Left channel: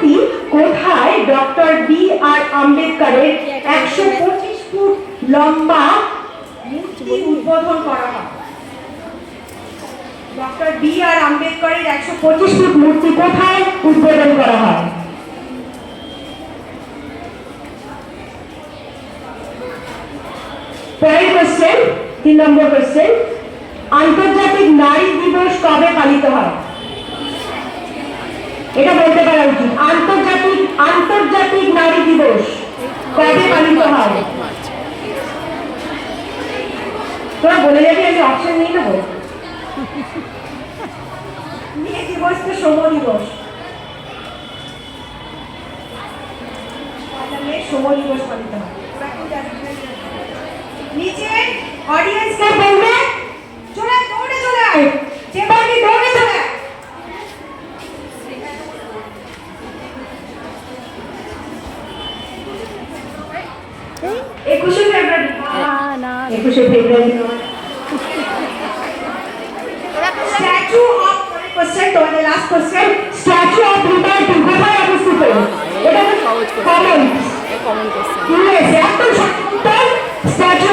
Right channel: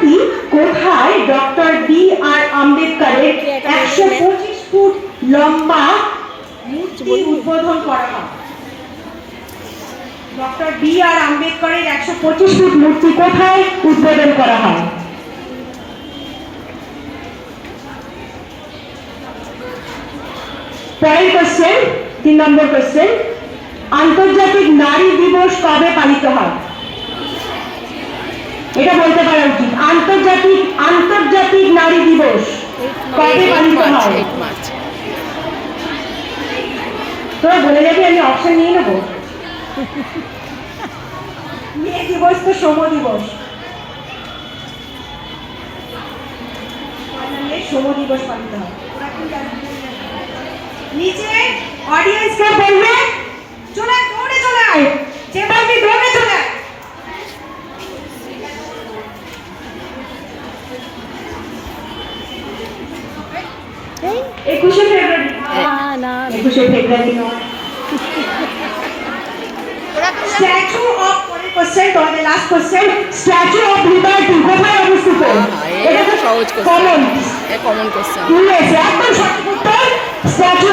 মূর্তি কোথায় doctor B আর আম্বেদকরের 125 ফুট লম্বা মূর্তি উদ্বোধন করা হয়? ডক্টর বি আর আম্বেদকরের 125 ফুট মূর্তি কোথায় উদ্বোধন করা হয়? পরের কোশ্চেন, 3 নম্বর কোশ্চেন, আন্তর্জাতিক নারী দিবস কবে পালিত হয়? এটা বলতে পারা উচিত। আন্তর্জাতিক নারী দিবস কবে পালিত হয়? তোরা বলে যাবি, আমি অপশন নিয়ে নেবো। মে দিবস তো শ্রম দিবস, শ্রম দিবস পালিত হয়। নিচে অডিয়েন্সকে বলবে চলে দৌড়ে চলে আয়, যে পারবি দৌড়ে চলে আয়। একুশে ফেব্রুয়ারি না 21শে ফেব্রুয়ারি স্ট্যাচু অফ কোশ্চেন, তোমাদের last question, statue of liberty কোথায় অবস্থিত? এটা সহজ কোশ্চেন, কমন কোশ্চেন। ইউএসএ। একদম সঠিক উত্তর, স্ট্যাচু